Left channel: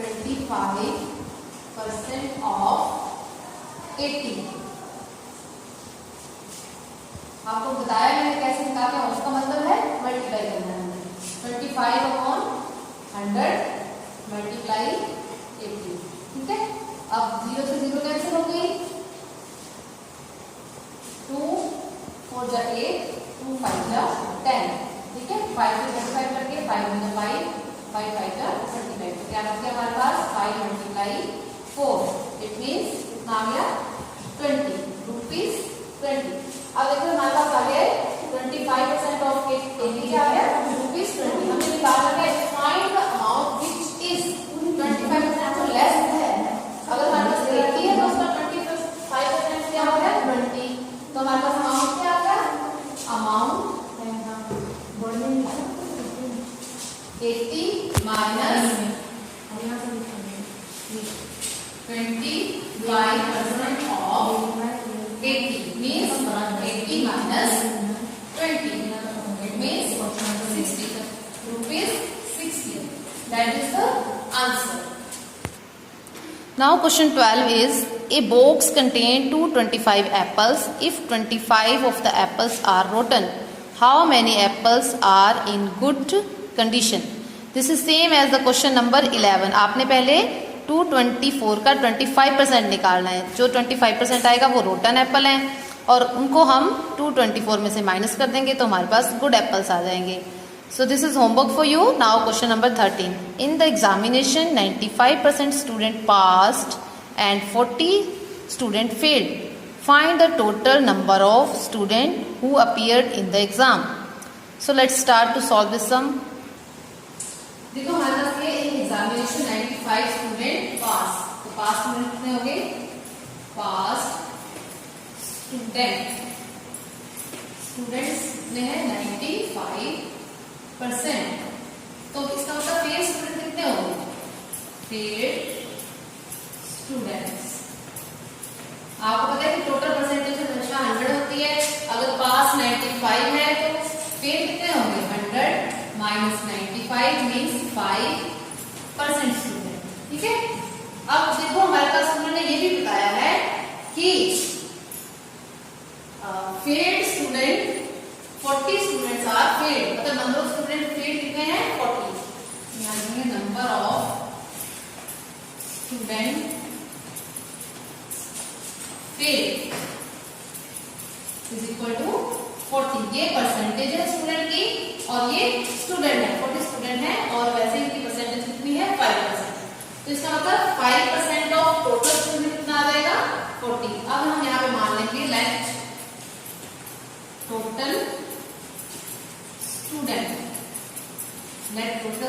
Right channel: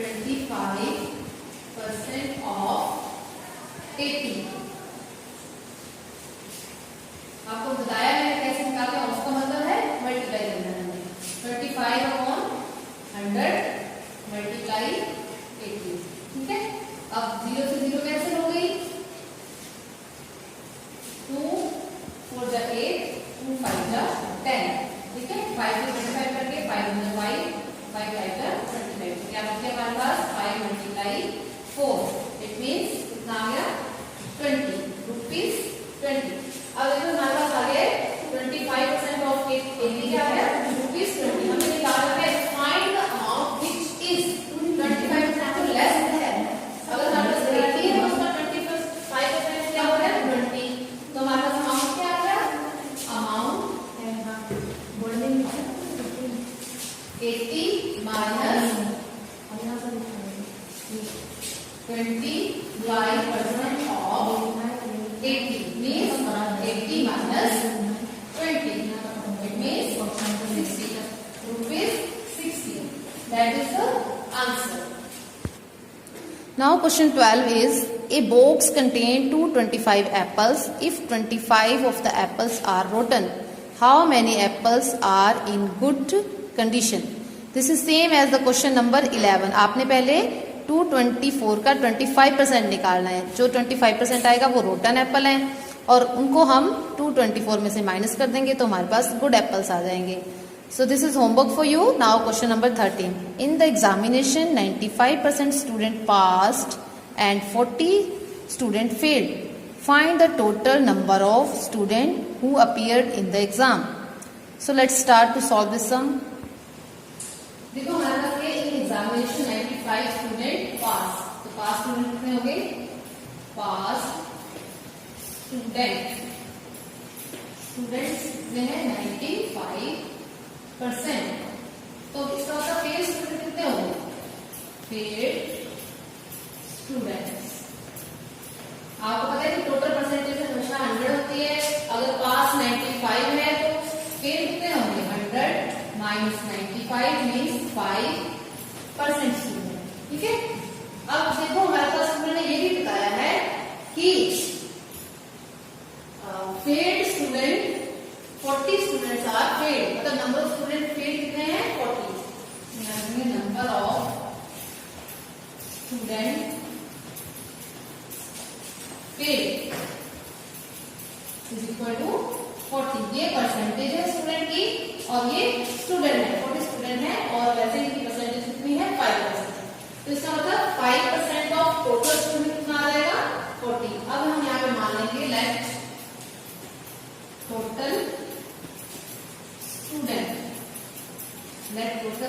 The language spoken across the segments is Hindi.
25% ऑफ 80। आपको बताया मैंने कैसे निकाला, उसका मतलब है मल्टीप्लाई करना है। 25/100 मल्टीप्लाई 80। ठीक है, अब 0 से 0 कैंसिल हो गई, 2 4 जा 8, 2 5 जा 10। ठीक है, 5 से 25 करके 5 1 जा 5, 5 5 जा 25। तो क्या बच गया हमारे पास 5 मल्टीप्लाई 4, इट मीन्स कितना आ गया 20 रुपीज 20। अब देखो हमारे पास आ गया 25% ऑफ 80 क्या आ गया रुपीज 20। हमने निकाला है find the amount which is 25% से लेस है। अगर हमारे पास 80 है तो उसका 25% क्या हो गया 20। तो हमारे पास अमाउंट क्या आ गया, amount 80 minus 25% of 80 means 80 minus 20, it means 60 rupees 60. That is the answer. Now question 12 is, a box contain 225 apples. If 25 of the apples are rotten, how many apples are in good condition? This is same as the question number 11. आपने पहले 224 का 25% निकालना है। जो 25% आएगा वो रोटन एप्पल है और उनको हम 224 में से माइनस कर देंगे तो हमारे पास गुड एप्पल्स आ जाएंगे। So this is homework for you. Now question number 13। In the examination 95% student passed and 40 student failed. Find the total number of student who appeared in the exam. So let's start to solve this sum. देखो हमारे पास ये एग्जामिनेशन 95 स्टूडेंट पास, तो पास स्टूडेंट कितने हो गए, पास स्टूडेंट्स कितने हैं 95%। तो इसका मतलब फेल स्टूडेंट कितने हो गए, फेल स्टूडेंट्स। आपको पता है कि टोटल परसेंटेज हमेशा 100 होती है। अगर पास 95 है तो फेल कितने होंगे 100 माइनस 95 मीन्स 5% स्टूडेंट। ठीक है, अब देखो हमारे पास उन्होंने ये भी बताया है कि failed student 40 students are failed, मतलब नंबर ऑफ स्टूडेंट फेल्ड कितने हैं 40। Number of student failed is equal to 40। ये परसेंटेज है स्टूडेंट की और ये स्टूडेंट है 40 स्टूडेंट है और वैसे ही परसेंटेज कितनी है 5%। तो इसका मतलब 5% ऑफ टोटल स्टूडेंट कितना आ जाएगा 40। अब हम यहाँ पे मान लेंगे let total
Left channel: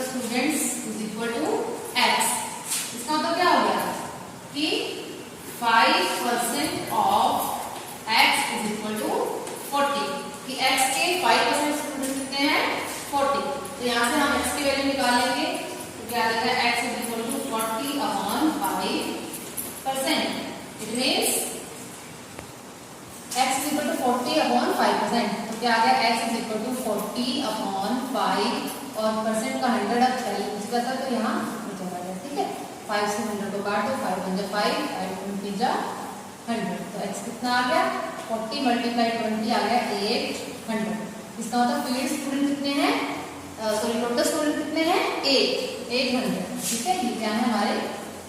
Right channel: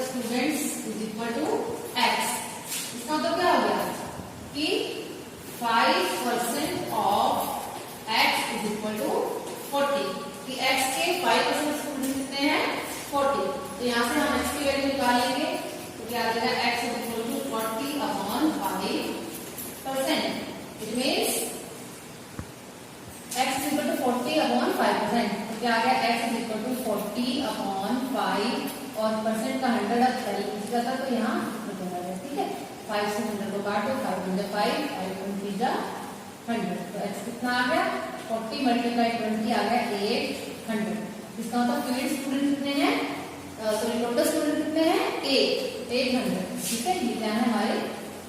students is equal to X. इसका मतलब क्या हो गया कि 5% of X is equal to 40 कि एक्स के 5% स्टूडेंट कितने हैं 40। तो यहाँ से हम एक्स की वैल्यू निकालेंगे तो क्या आ जाएगा X is equal to 40/5%। It means x is equal to 40/5%। तो क्या आ गया x इज इक्वल टू 40/5 और परसेंट का 100 अब पहले था तो यहाँ हो जाएगा। ठीक है, 5 से 100 को काट दो, 5 1 जा 5, 5 20 जा 100। तो x कितना आ गया 40 मल्टीप्लाई 20 आ गया 800। इसका मतलब फील्ड स्टूडेंट कितने हैं, सॉरी टोटल स्टूडेंट कितने हैं 800। ठीक है, ये क्या है हमारे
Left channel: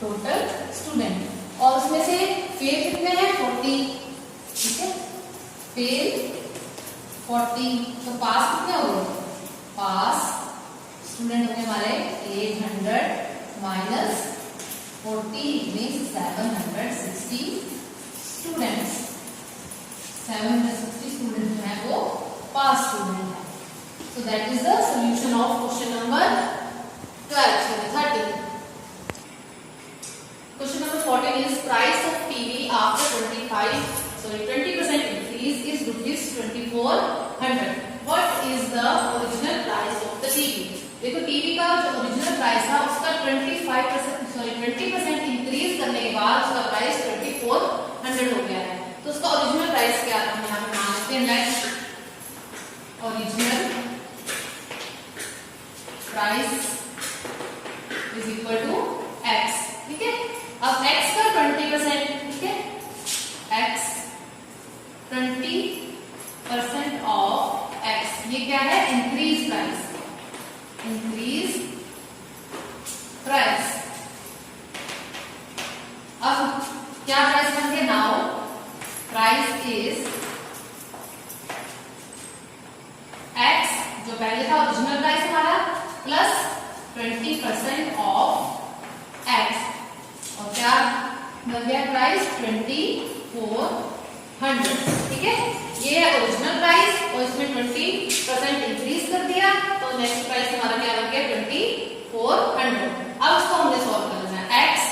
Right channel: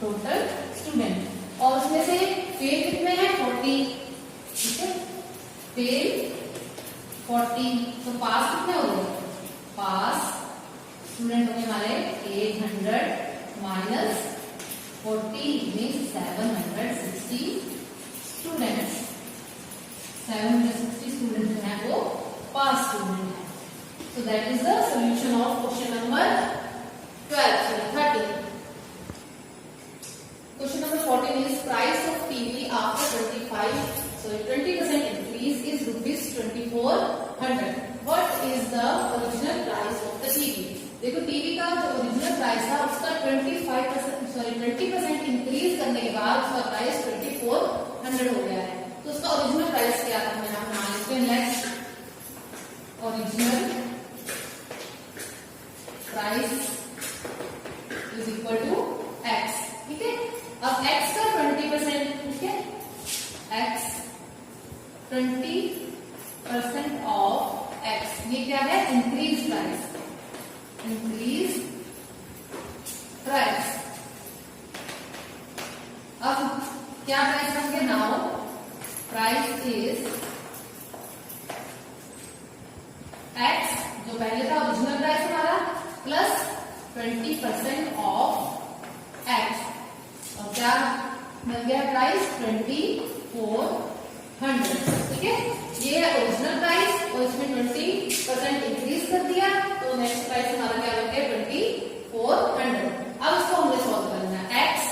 टोटल स्टूडेंट और उसमें से फेल कितने हैं 40। ठीक है, फेल 40 तो पास कितने हो गए, पास स्टूडेंट होने वाले 800 माइनस 40 मीन्स 760 स्टूडेंट्स। 760 स्टूडेंट जो है वो पास स्टूडेंट है। So that is the solution of question number 13। Question number 14 is price of TV after 20% increase is ₹2400. What is the original price of the TV? देखो टीवी का जो ओरिजिनल प्राइस था उसका 20% इंक्रीज करने के बाद उसका प्राइस 2400 हो गया है। तो उसका ओरिजिनल प्राइस क्या था, हम यहाँ पे मान लेते हैं let original price is equal to x। Price हमारा प्लस 20% ऑफ एक्स, और क्या मिल गया प्राइस 2400, ठीक है। ये है ओरिजिनल प्राइस और इसमें 20% इंक्रीज कर दिया, तो नेक्स्ट प्राइस हमारा क्या बन गया 2400। अब इसको हमने सॉल्व करना है। एक्स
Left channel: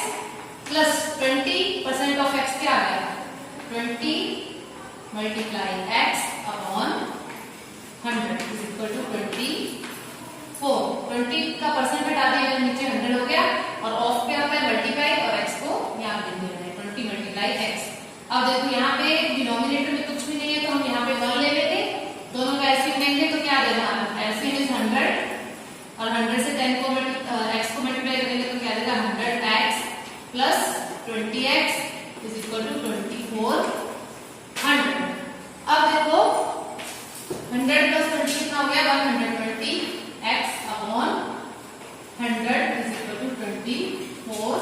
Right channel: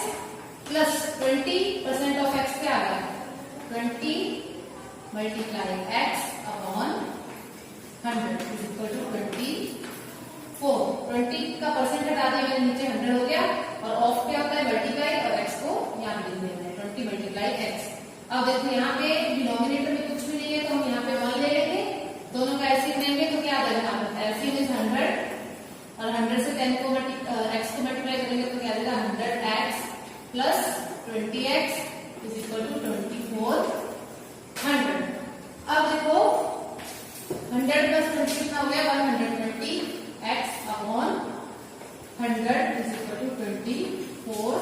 प्लस 20% ऑफ एक्स क्या आ गया 20 multiply X upon 100 is equal to 24। 20 का परसेंट हटा दिया मैंने, नीचे 100 हो गया, और ऑफ पे आता है मल्टीप्लाई और एक्स को यहाँ पे लिख देना है 20 मल्टीप्लाई एक्स। अब देखो यहाँ पे डिनोमिनेटर में कुछ भी नहीं है, तो हम यहाँ पे 1 ले लेते हैं, दोनों का एलसीएम लेंगे तो क्या देगा हमारा एलसीएम इज 100, और 100 से 10 को एक्स को मल्टीप्लाई करेंगे तो क्या देगा 100x plus 20x is equal to 2400। अब देखो 100 प्लस 20 कितना हो गया 120x upon 100 is equal to 2400।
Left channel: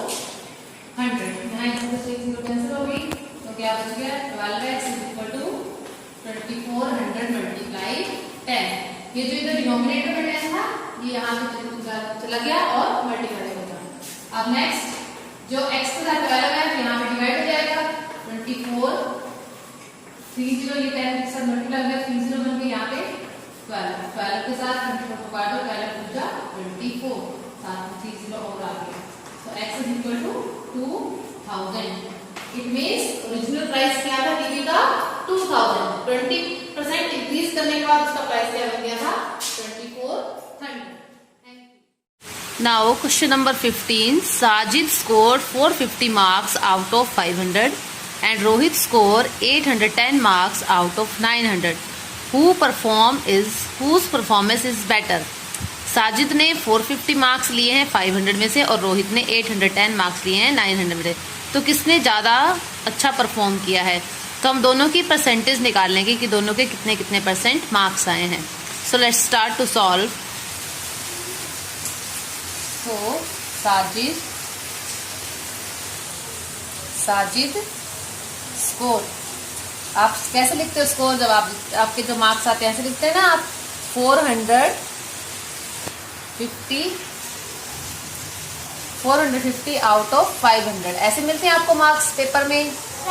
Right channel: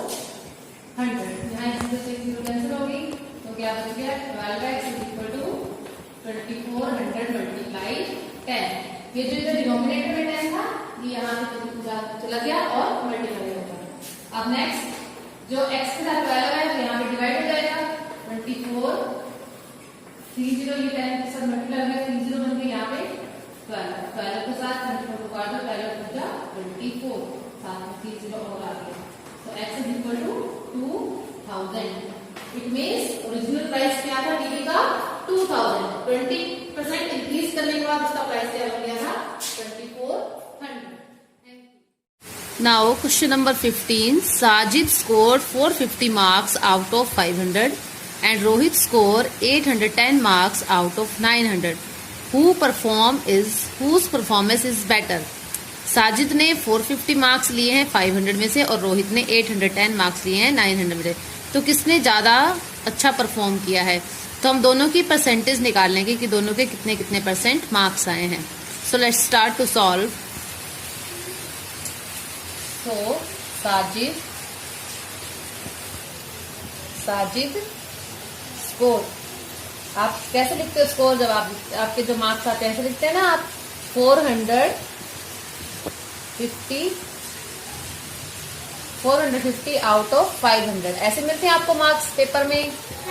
यहाँ जीरो कैंसिल हो गई, तो क्या बच गया 12x is equal to 2400 multiply 10। ये जो इधर डिनोमिनेटर में 10 था ये यहाँ से चला गया और मल्टीप्लाई हो गया। अब नेक्स्ट जो x के साथ 12 है तो यहाँ पे डिवाइड हो जाएगा 24 30 ये 10 के साथ मल्टीप्लाई हो गया 30 बन गया यहाँ पे 12 के साथ 24 को काट दो, 12 पूजा 24 साथ में 30 और आ गया, तो x is equal to 2000। It means original price क्या था टीवी का 2000, 20% इंक्रीज करने के बाद उसका प्राइस क्या बन गया था 2400। Now question number 15. Sajid scored 450 marks out of 500 and Rohit scored 810 marks out of 900. Whose performance is better? Sajid ने 450 मार्क्स लिए हैं 500 में से और रोहित ने 810 मार्क्स लिए हैं 900 में से। तो किसने ज्यादा अच्छा परफॉर्म किया है? तो हम दोनों की परसेंटेज निकाल लेंगे कि दोनों के कितने कितने परसेंट मार्क्स आए हैं। So let's start to solve. तो साजिद स्कोर, आप कैसे लिखते हो स्कोर? जब आपके जो मार्क्स आते हैं ऐसे लिखते हैं ना आप 450 आउट ऑफ 500 ऐसे मिलते हैं आपको मार्क्स पेपर में।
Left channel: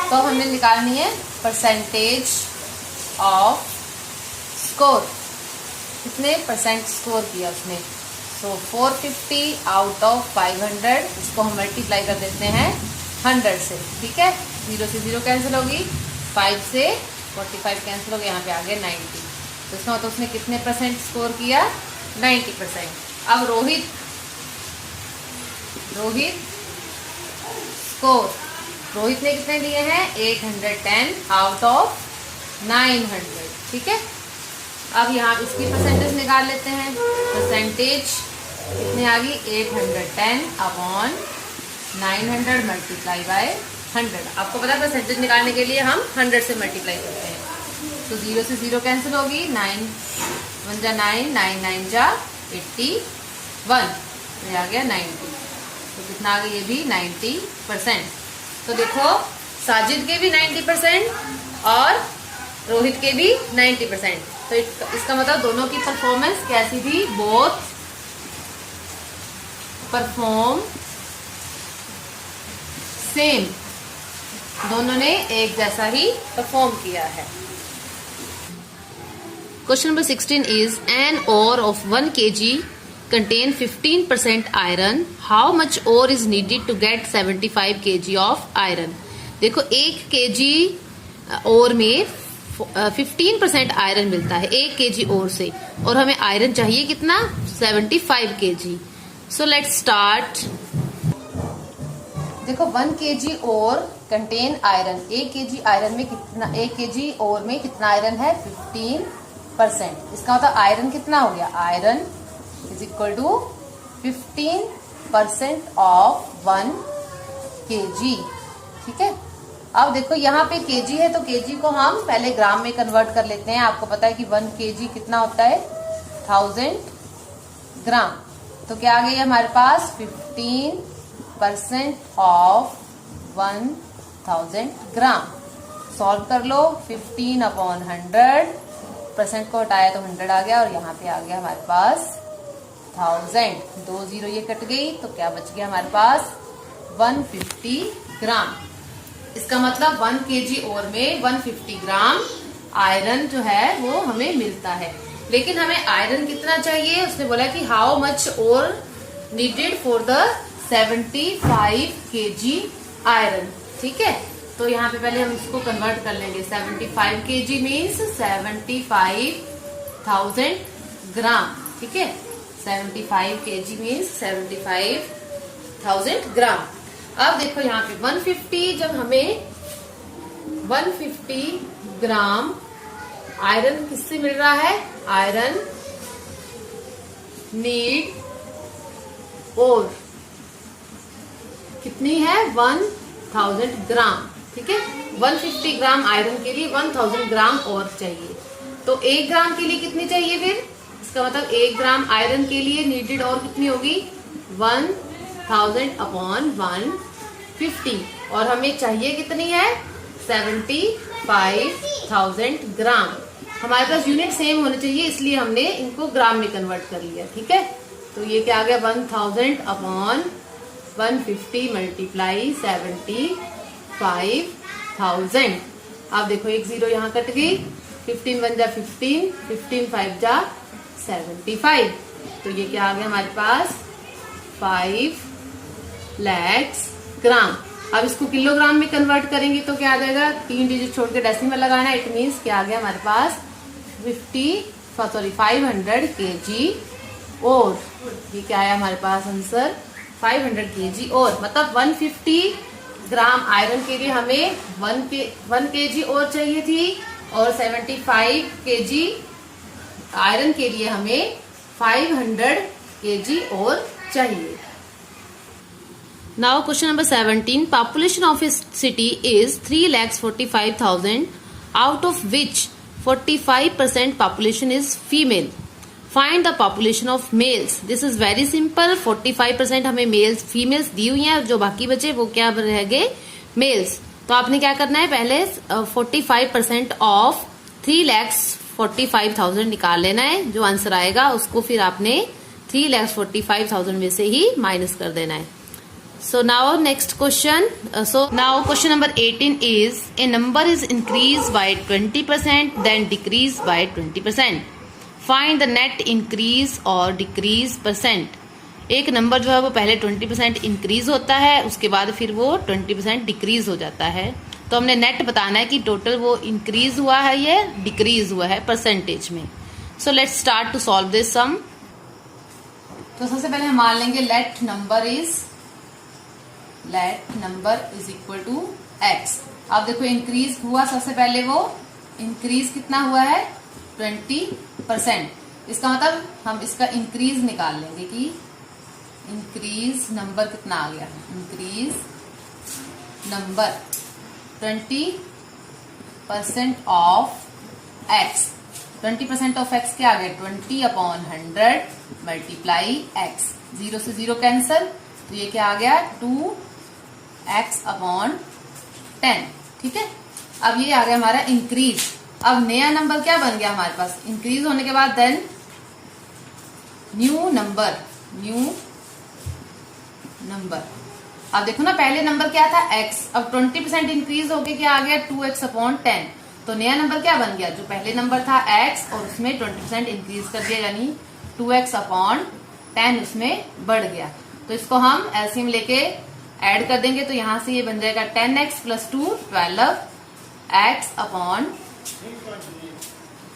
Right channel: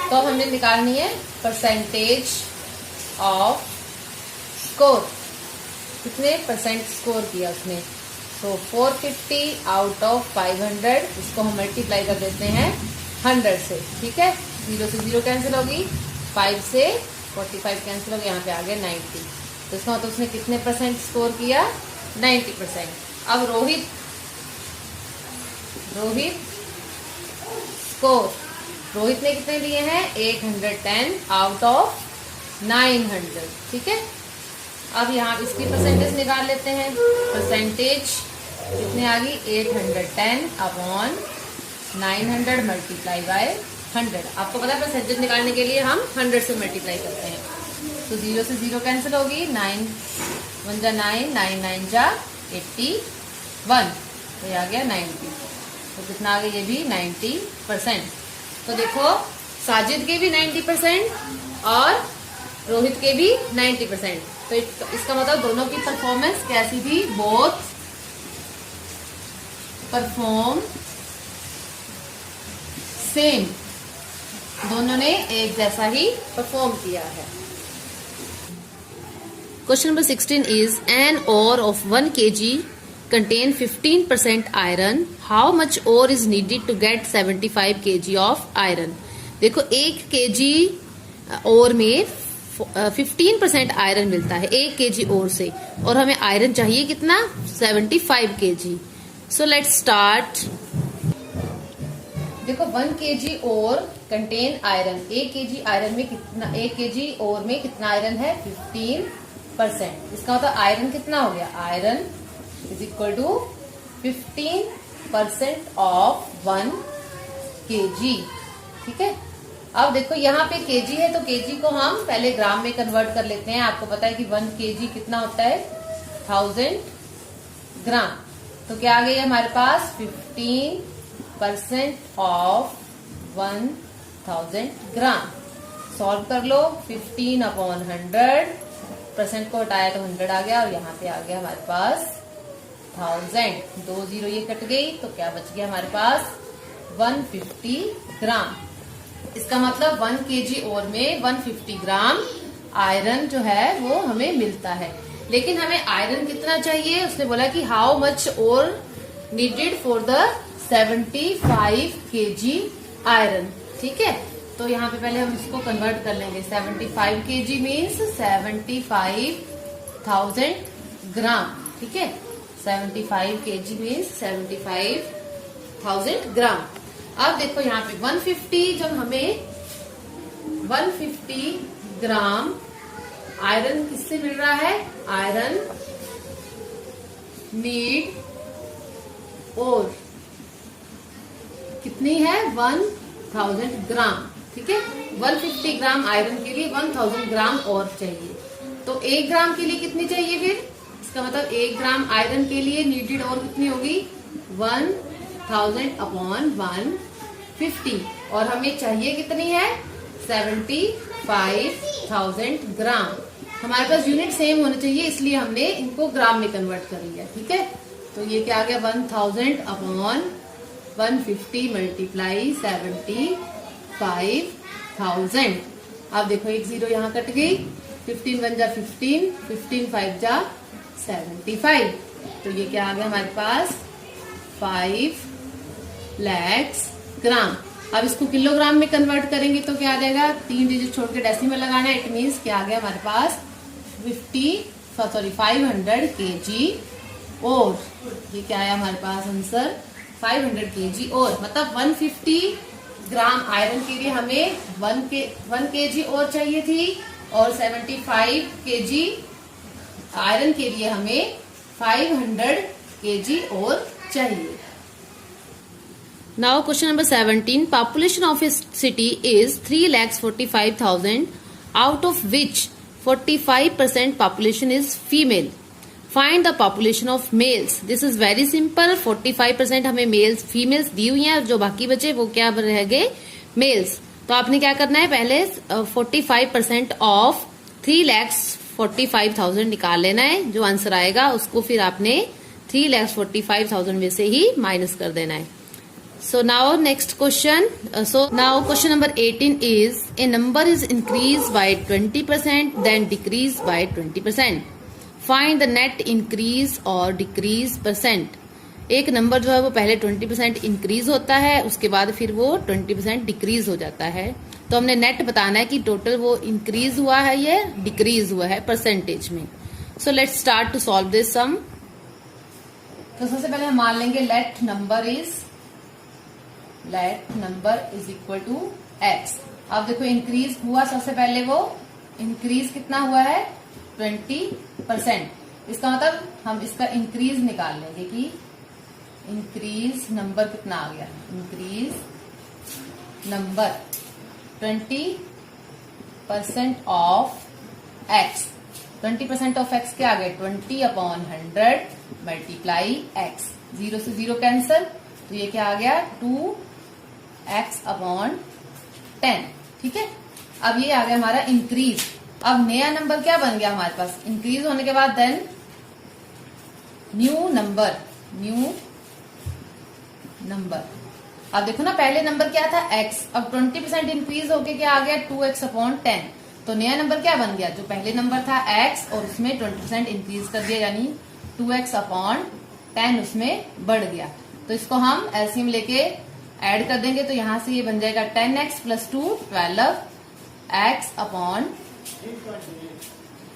तो हमने निकालनी है परसेंटेज ऑफ स्कोर, कितने परसेंट स्कोर किया उसने। तो 450 आउट ऑफ 500 इसको हम मल्टीप्लाई कर देते हैं 100 से, ठीक है। 0 से 0 कैंसिल होगी, 5 से 45 कैंसिल हो गया, यहाँ पे आ गया 90। तो इसका मतलब उसने कितने परसेंट स्कोर किया 90%। अब रोहित स्कोर, रोहित ने कितने लिए हैं 810 आउट ऑफ 900, ठीक है। अब यहाँ इसकी परसेंटेज निकाल लेते हैं। परसेंटेज कितनी आ गई 810 अपॉन 900 मल्टीप्लाई बाय 100। आपको पता है परसेंटेज निकालने के लिए हम 100 से मल्टीप्लाई करते हैं। तो 0 से 0 कैंसिल होगी, 9 1 जा 9, 9 9 जा 81, ये आ गया 90। तो कितना आ गया ये भी 90%। तो देखो साजिद के भी 90% और रोहित के भी 90%। तो इसका मतलब दोनों की परफॉर्मेंस कैसी थी, बोथ परफॉर्म सेम, दोनों ने एक जैसा ही परफॉर्म किया है। Question number 16 is an ore of 1 kg contain 15% iron. How much ore is needed to get 75 kg of iron? देखो 1 kg ओर में 15% आयरन मिलता है 1 kg ओर से, और हमें आयरन चाहिए कितना 75 kg। So let's start. देखो 1 kg ओर कंटेन आयरन, 1 kg आयरन में कितना, 1 kg ओर में कितना आयरन है 15%। इसका मतलब आयरन कितना हो गया, iron is equal to 15% of 1 kg, ठीक है। अब देखो यहाँ पे kg है तो kg को हम पहले ग्राम में कन्वर्ट कर लेते हैं। आपको पता है कि 1 kg कितना होता है 1000 ग्राम। तो क्या आ गई हमारे पास 15% ऑफ 1000 ग्राम। सॉल्व कर लो, 15 अपॉन 100, परसेंट को हटाया तो 100 आ गया और यहाँ पे आ गया हमारे पास 1000। 2 0 ये कट गई तो क्या बच गया हमारे पास 150 ग्राम। इसका मतलब 1 kg ओर में 150 ग्राम आयरन जो है वो हमें मिलता है। लेकिन हमें आयरन कितना चाहिए, उसने बोला कि how much ore needed for the 75 kg iron. ठीक है, तो यहाँ पे पहले हम इसको कन्वर्ट कर लेंगे। 75 kg मीन्स 75,000 ग्राम। ठीक है, 75 kg मीन्स 75,000 ग्राम। अब देखो यहाँ पे 150, जब हमें 150 ग्राम आयरन किससे मिल रहा है, आयरन नीड और कितनी है 1000 ग्राम। ठीक है, 150 ग्राम आयरन के लिए 1000 ग्राम और चाहिए। तो 1 ग्राम के लिए कितनी चाहिए फिर, इसका मतलब 1 ग्राम आयरन के लिए नीडेड और कितनी होगी 1000 अपॉन 150। और हमें चाहिए कितनी है 75,000 ग्राम। हमारे पास यूनिट सेम होने चाहिए, इसलिए हमने इनको ग्राम में कन्वर्ट कर लिया। ठीक है, तो ये क्या आ गया 1000 अपॉन 150 मल्टीप्लाई 75,000। अब देखो 1 0 यहाँ कट गई, 15 1 जा 15, 15 5 जा 75। तो ये क्या आ गया हमारे पास 5 लाख ग्राम। अब इसको किलोग्राम में कन्वर्ट करेंगे तो क्या आ जाएगा, 3 डिजिट छोड़ के डेसिमल लगाना है। इट मीन्स क्या आ गया हमारे पास 500 kg और ये क्या आया हमारे पास आंसर 500 kg और मतलब 150 ग्राम आयरन के लिए हमें 1 kg और चाहिए थी और 75 kg आयरन के लिए हमें 500 kg और चाहिए। Now question number 17. Population of a city is 3,45,000, out of which 45% population is female. Find the population of males. This is very simple. 45% हमें males, females दी हुई हैं, जो बाकी बचे वो क्या रह गए males। तो आपने क्या करना है, पहले 45% ऑफ 3,45,000 निकाल लेना है। जो आंसर आएगा उसको फिर आपने 3,45,000 में से ही माइनस कर देना है। So now next question. Now question number 18 is a number is increased by 20% then decreased by 20%. Find the net increase or decrease percent. एक नंबर जो है वो पहले 20% इंक्रीज होता है, उसके बाद फिर वो 20% डिक्रीज हो जाता है। तो हमने नेट बताना है कि टोटल वो इंक्रीज हुआ है या डिक्रीज हुआ है परसेंटेज में। So let's start to solve this sum. तो सबसे पहले हम मान लेंगे let number is equal to x. अब देखो इंक्रीज हुआ, सबसे पहले वो इंक्रीज कितना हुआ है 20%। इसका मतलब हम इसका इंक्रीज निकाल लेंगे कि इंक्रीज नंबर कितना आ गया, increase number 20% of x. 20% of x क्या आ गया 20 अपॉन 100 मल्टीप्लाई एक्स। 0 से 0 कैंसल, तो ये क्या आ गया 2x अपॉन 10। ठीक है, अब ये आ गया हमारा इंक्रीज। अब नया नंबर क्या बन गया हमारे पास, इंक्रीज होने के बाद देन न्यू नंबर। अब देखो ना, पहले नंबर क्या था x, अब 20% इंक्रीज होके क्या आ गया 2x अपॉन 10। तो नया नंबर क्या बन गया, जो पहले नंबर था x और उसमें 20% इंक्रीज कर दिया, यानी 2x अपॉन 10 उसमें बढ़ गया। तो इसको हम एलसीएम लेके ऐड कर देंगे, तो यहां से ये बन जाएगा 10x प्लस 2 12x अपॉन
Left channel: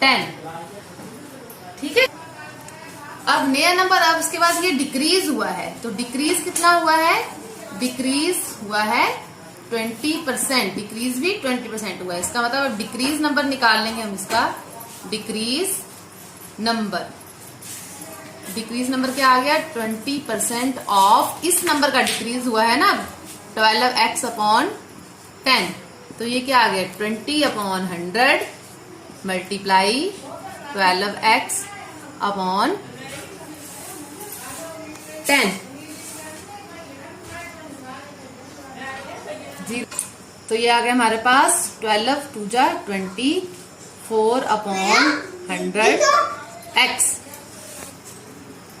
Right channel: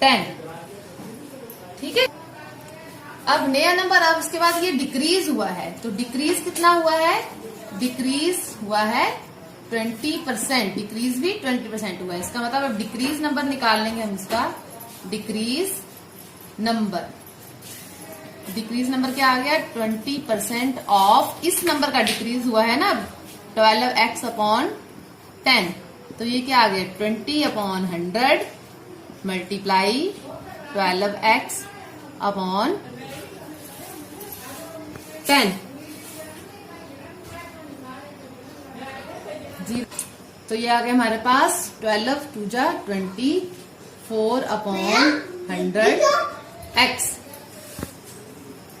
10। ठीक है, अब नया नंबर, अब उसके बाद ये डिक्रीज हुआ है, तो डिक्रीज कितना हुआ है, डिक्रीज हुआ है 20%, डिक्रीज भी 20% हुआ है। इसका मतलब अब डिक्रीज नंबर निकाल लेंगे हम इसका, डिक्रीज नंबर क्या आ गया 20% ऑफ इस नंबर का डिक्रीज हुआ है ना 12x अपॉन 10। तो ये क्या आ गया 20 अपॉन 100 मल्टीप्लाई 12x अपॉन 10। तो ये आ गया हमारे पास 12 2 जा 24 अपॉन 100x।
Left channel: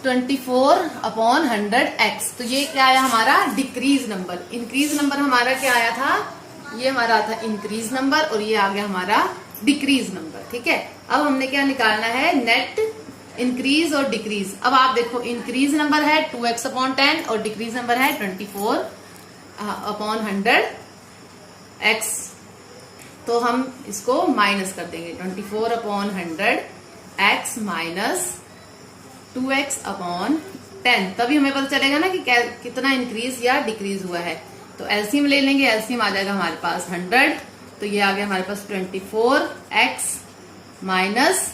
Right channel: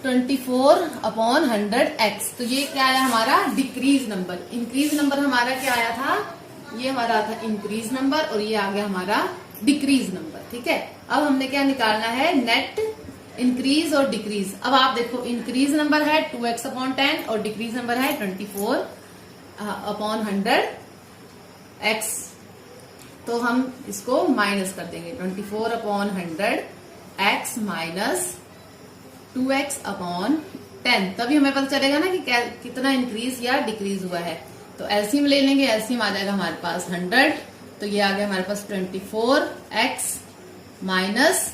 24/100x। तो ये क्या आया हमारा डिक्रीज नंबर। इंक्रीज नंबर हमारा क्या आया था, ये हमारा था इंक्रीज नंबर और ये आ गया हमारा डिक्रीज नंबर। ठीक है, अब हमने क्या निकालना है, नेट इंक्रीज और डिक्रीज। अब आप देखो इंक्रीज नंबर है 2x/10 और डिक्रीज नंबर है 24/100x। तो हम इसको माइनस कर देंगे, 24/100x माइनस 2x/10। तभी हमें पता चलेगा ना कि कितना इंक्रीज या डिक्रीज हुआ है। तो एलसीएम ले लेंगे, एलसीएम आ जाएगा हमारे पास 100, तो ये आ गया हमारे पास 24x माइनस,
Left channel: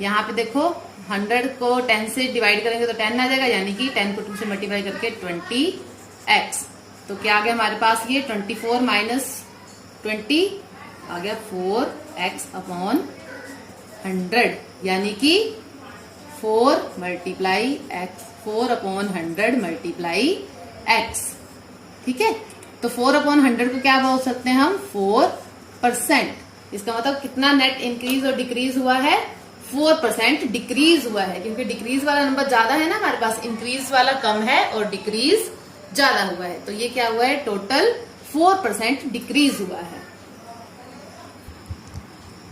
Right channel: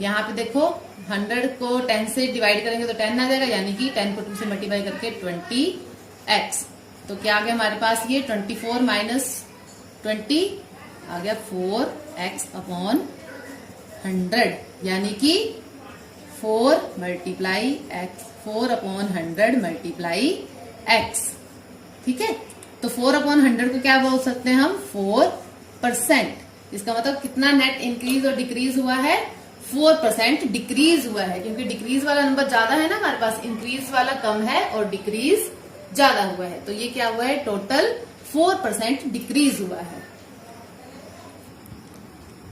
यहाँ पे देखो 100 को 10 से डिवाइड करेंगे तो 10 आ जाएगा, यानी कि 10 को 2 से मल्टीप्लाई करके 20x। तो क्या आ गया हमारे पास, ये 24 माइनस 20 आ गया 4x/100, यानी कि 4 मल्टीप्लाई x, 4/100 मल्टीप्लाई x। ठीक है, तो 4/100 को क्या बोल सकते हैं हम, 4%। इसका मतलब कितना नेट इंक्रीज और डिक्रीज हुआ है, 4% डिक्रीज हुआ है, क्योंकि डिक्रीज वाला नंबर ज्यादा है ना हमारे पास, इंक्रीज वाला कम है और डिक्रीज ज्यादा हुआ है। तो ये क्या हुआ है, टोटल 4% डिक्रीज हुआ है।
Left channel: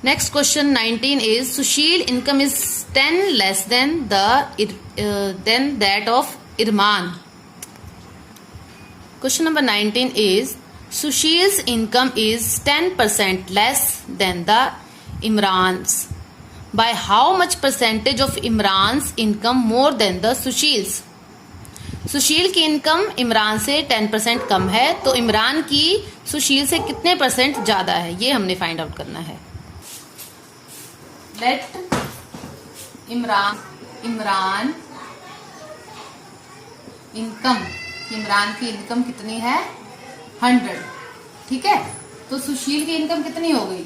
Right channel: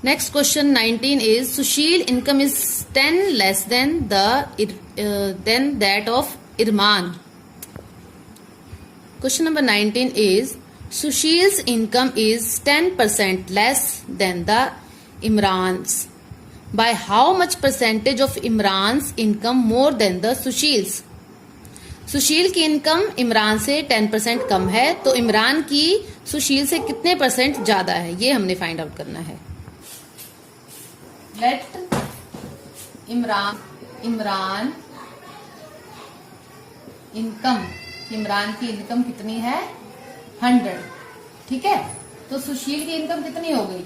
Next question 19 is Sushil income is 10 less than that of Irman. Question number 19 is Sushil's income is 10% less than the Imran's. By how much percentage of Imran's income more than the Sushil's? सुशील की इनकम इमरान से 10% कम है, तो इमरान की सुशील से कितने परसेंट ज्यादा है, ये हमने फाइंड आउट करना है। लेट इमरान इनकम, इमरान की इनकम कितनी है, 100। ठीक है, तो सुशील की इनकम कितनी हो गई,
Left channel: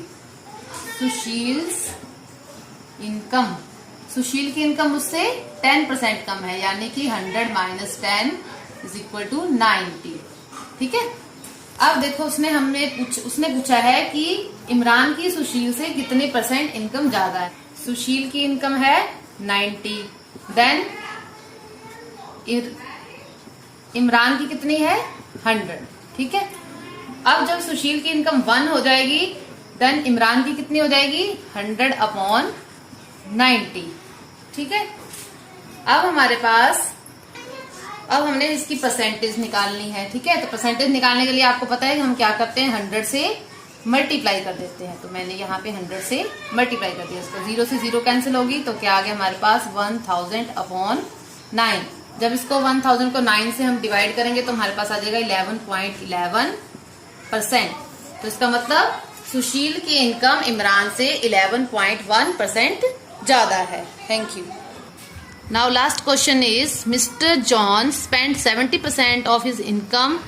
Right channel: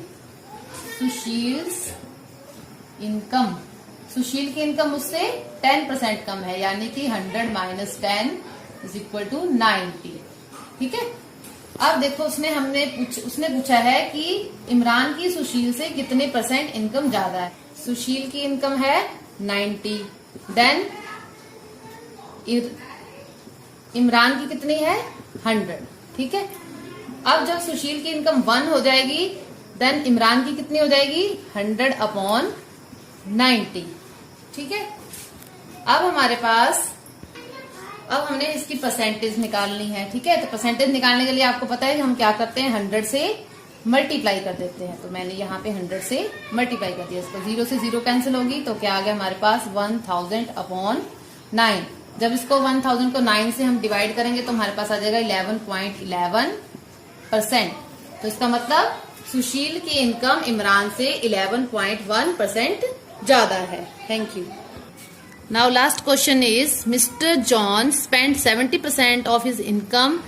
सुशील की इनकम उससे 10% कम है, यानी कि 100 माइनस 10 इज इक्वल टू 90। ठीक है, अब देखो उसने पूछा है कि इमरान की सुशील से कितने परसेंट इनकम ज्यादा है। सुशील की इनकम है 90, देन इमरान की कितनी है, 100। ठीक है, अब जब सुशील की इनकम 1 हो जाएगी, देन इमरान की कितनी हो जाएगी, 100/90। ठीक है, अब हमारे पास, अब हमने इसकी परसेंटेज निकालनी है। ठीक है, तो परसेंटेज निकालने के लिए आपको पता है कि हम क्या करते हैं, 100 से मल्टीप्लाई कर देते हैं। तो मैंने यहाँ पे 100 से मल्टीप्लाई कर दिया, इसको 0 से 0 कैंसिल होगी, तो क्या आ गया हमारे पास 1000/9। जब इसको 1000 को 9 से हम डिवाइड करेंगे तो हमारे पास आ जाएगा 11.11%। तो इसका मतलब सुशील की इनकम इमरान से 11.1% ज्यादा है। Thank you. Now last question is Mr. John spent 70% of his income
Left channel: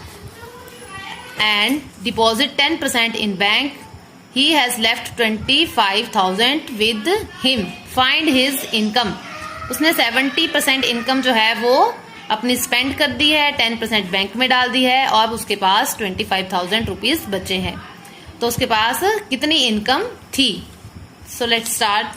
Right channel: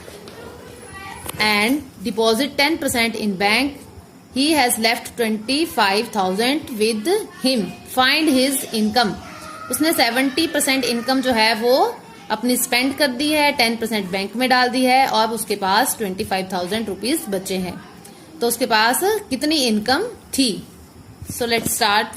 and deposit 10% in bank. He has left 25,000 with him. Find his income. उसने 70% इनकम जो है वो अपनी स्पेंड कर दी है, 10% बैंक में डाल दी है और उसके पास 25,000 रुपीज बचे हैं। तो उसके पास कितनी इनकम थी? सो let's start.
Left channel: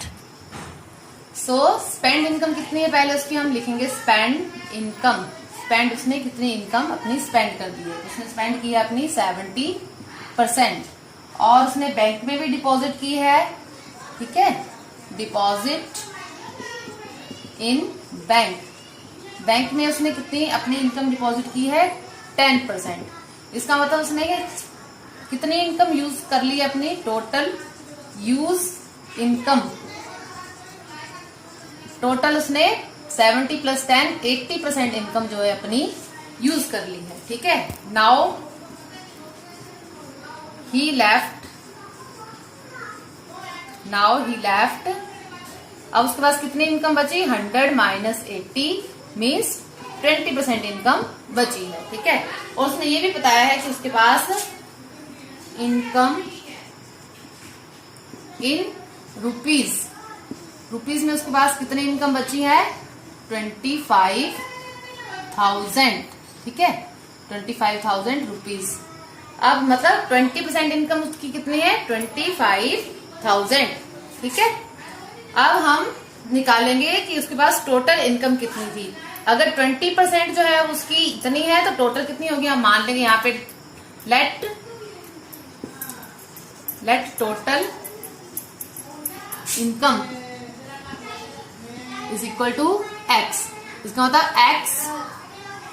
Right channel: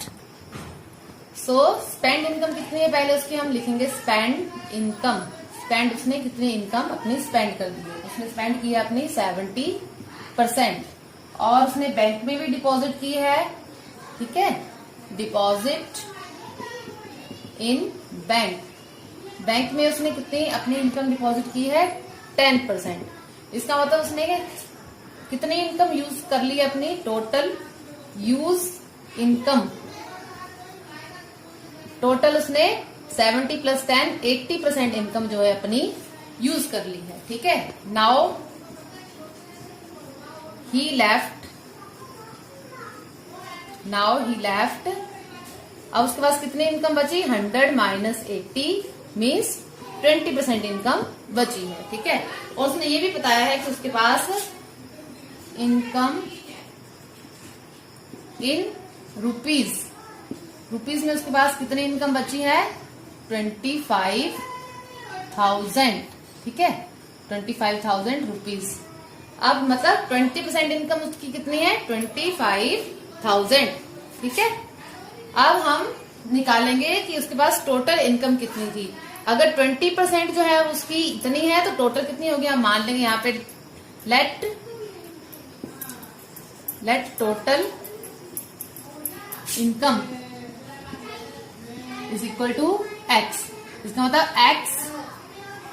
So spend income कितनी है, पहले उसकी हम लिखेंगे स्पेंड इनकम। स्पेंड, उसने कितनी इनकम अपनी स्पेंड कर दी है, उसने स्पेंड की है अपनी 70% और उसने बैंक में भी डिपॉजिट की है। ठीक है, डिपॉजिट इन बैंक, बैंक में उसने कितनी अपनी इनकम डिपॉजिट की है, 10%। इसका मतलब उसने कितनी इनकम यूज कर ली है अपनी, टोटल यूज इनकम, टोटल उसने 70 + 10 80% इनकम जो है अपनी यूज कर ली है। ठीक है, नाउ ही लेफ्ट, अब उसके पास कितनी इनकम बची, 100 माइनस 80 मीन्स 20% इनकम बची है। ठीक है, और उसने ये भी बताया है कि उसके पास इनकम इन रुपीज में उसके पास कितनी इनकम बची है, 25,000। ठीक है, 25,000 रुपीज। अब मतलब 20% इनकम उसकी कितनी है, 25,000। ठीक है, अब हम निकालेंगे कि उसके पास टोटल इनकम कितनी थी। अगर 20% जो है उसकी इतनी है तो टोटल कितनी होगी, हम मान लेंगे यहाँ पे let total income is equal to X. इसका मतलब एक्स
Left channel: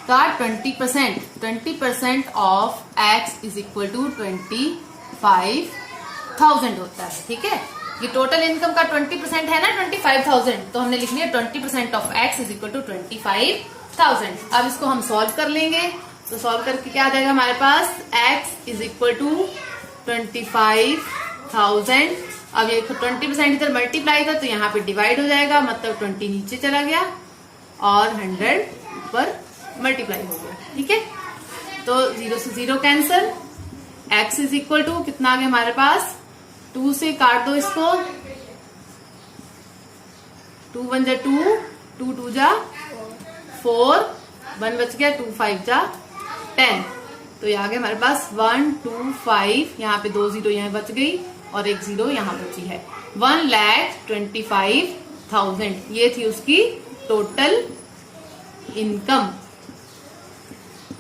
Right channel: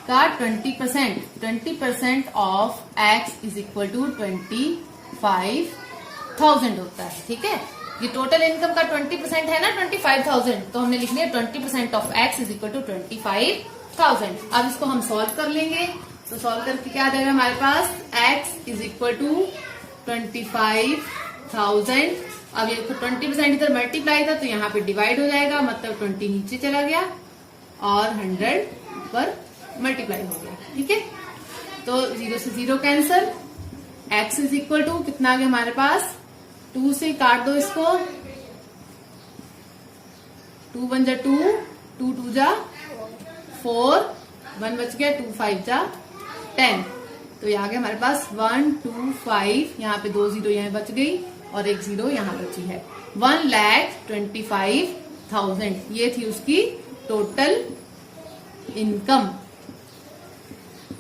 का 20% of X is equal to 25,000 होता है। ठीक है, ये टोटल इनकम का 20% है ना 25,000, तो हमने लिख लिया 20% of X is equal to 25,000। अब इसको हम सॉल्व कर लेंगे, तो सॉल्व करके क्या आ जाएगा हमारे पास, एक्स इज इक्वल टू 25,000। अब ये 20% इधर मल्टीप्लाई था तो यहाँ पे डिवाइड हो जाएगा, मतलब 20 नीचे चला गया और 100 ऊपर मल्टीप्लाई हो गया। ठीक है, तो 0 से 0 cancel, x is equal to कितना आ गया हमारे पास, 2 से काट दो इसको, 2 1 जा 2, 2 2 जा 4, 1 बच गया, 2 5 जा 10, तो यहाँ आ गया हमारे पास 1 2 5, यहाँ पे 2 0 यहाँ बच गई और 1 0 यहाँ बची है। 1,25,000 ये थी उसकी टोटल इनकम।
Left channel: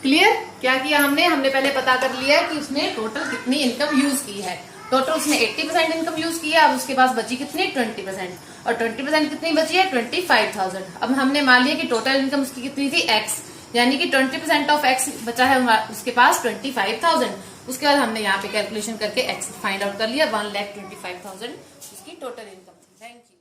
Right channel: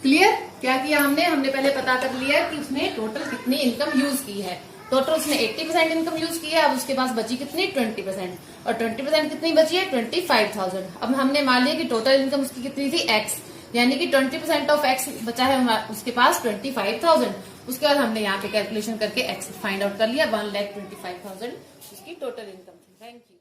क्लियर? क्या किया हमने पहले पता कर लिया कि उसने टोटल कितनी इनकम यूज की है। टोटल उसने 80% इनकम यूज की है, अब उसके पास बची कितनी 20%, और 20% कितनी बची है 25,000। अब हमने मान लिया कि टोटल इनकम उसकी कितनी थी x, यानी कि 20% ऑफ x बचा है उसके पास 25,000। उसके बाद हमने यहाँ पे कैलकुलेशन करके x फाइंड आउट कर लिया, 1,25,000 उसकी टोटल इनकम थी। Thank you.